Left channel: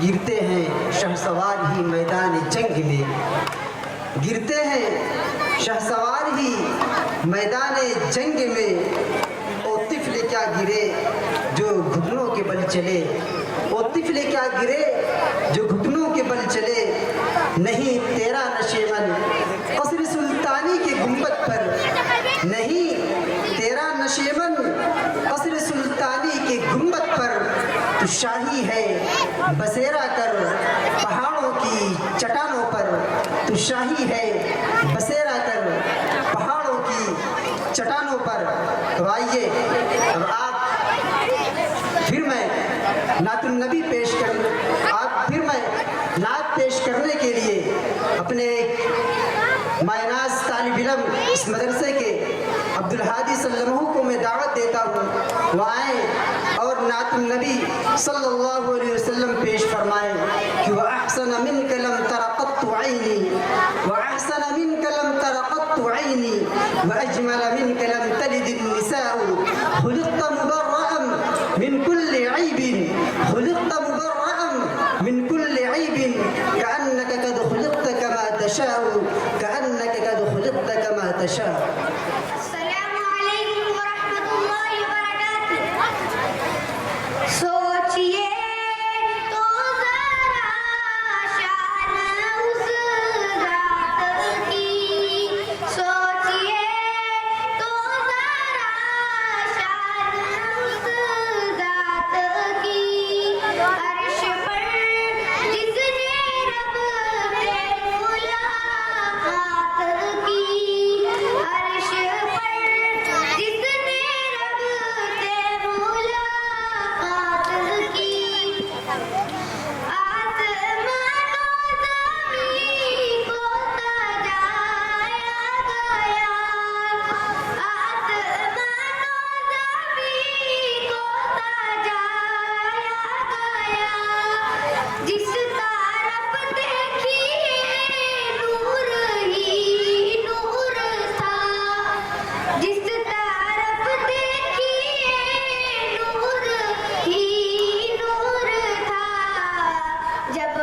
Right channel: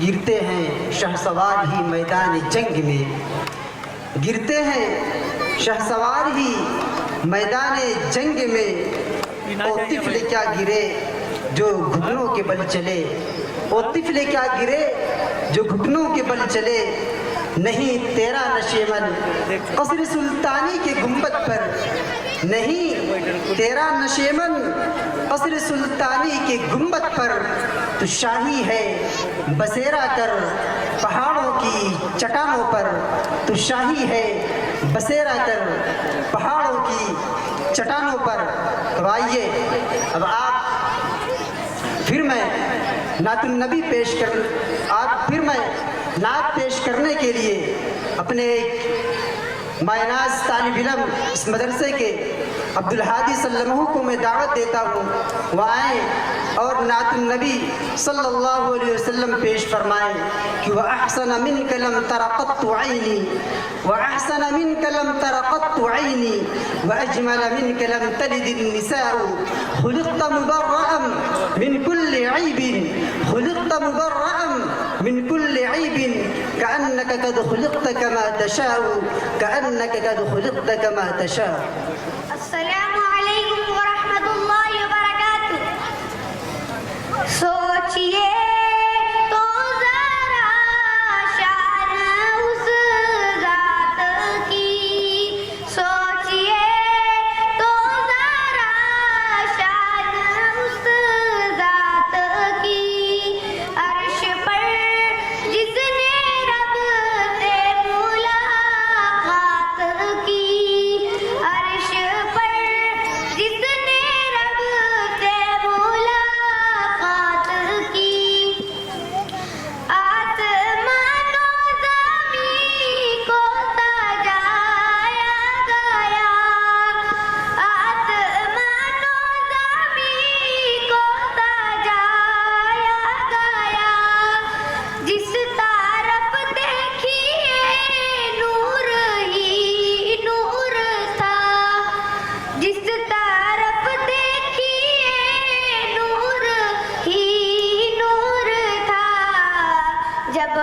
गिरते हैं शहसवार ही मैदान जंग में, गिरते हैं शहसवार ही मैदान जंग में। ओ तिफल क्या गिरे जो घुटनों के बल चले, ओ तिफल क्या गिरे जो घुटनों के बल चले। नहीं तेरा नशेमन कसर सुल्तानी के गुंबद पर, नहीं तेरा नशेमन कसर सुल्तानी के गुंबद पर। तू शाही है बसेरा कर पहाड़ों की चट्टानों पर, तू शाही है बसेरा कर पहाड़ों की चट्टानों पर। तो आइए अब आप फिर मैं नातुन नबी पेश कर, आप फिर मैं नात पेश करने के लिए अपने मायनाज तालिब इल्म इस मदरसे के अब्दुल हादी सल्लल्लाहु को मैं दावत देता हूँ, वह आएँ और नातुन नबी सल्लल्लाहु अलैहि वसल्लम पेश फरमाएँ कि वह अहसन मिन कलम तरक़त्तु ऐनी, वह अहसन मिन कलम तरक़त्तु ऐनी, वह अजमल मिन कलम तलिदिन निसाउ, खुलिक़्त मुबर्रअन मिन कुल्लि ऐबिन, खुलिक़्त मुबर्रअन मिन कुल्लि ऐबिन, कअन्नक क़द खुलिक़्त कमा तशाउ, कअन्नक क़द खुलिक़्त कमा तशाउ। अस्सलामु अलैकुम व रहमतुल्लाहि व बरकातुहू। सोचिए तो ज़रा शान उस ज़ात की, सोचिए तो ज़रा शान उस ज़ात की। अर्श पर जिसने रब से मुलाकात की, अर्श पर जिसने रब से मुलाकात की। आसमानों ज़मीं को सजाया गया, आसमानों ज़मीं को सजाया गया। जिस तरफ देखिए नूर ही नूर था, जिस तरफ देखिए नूर ही नूर था। जब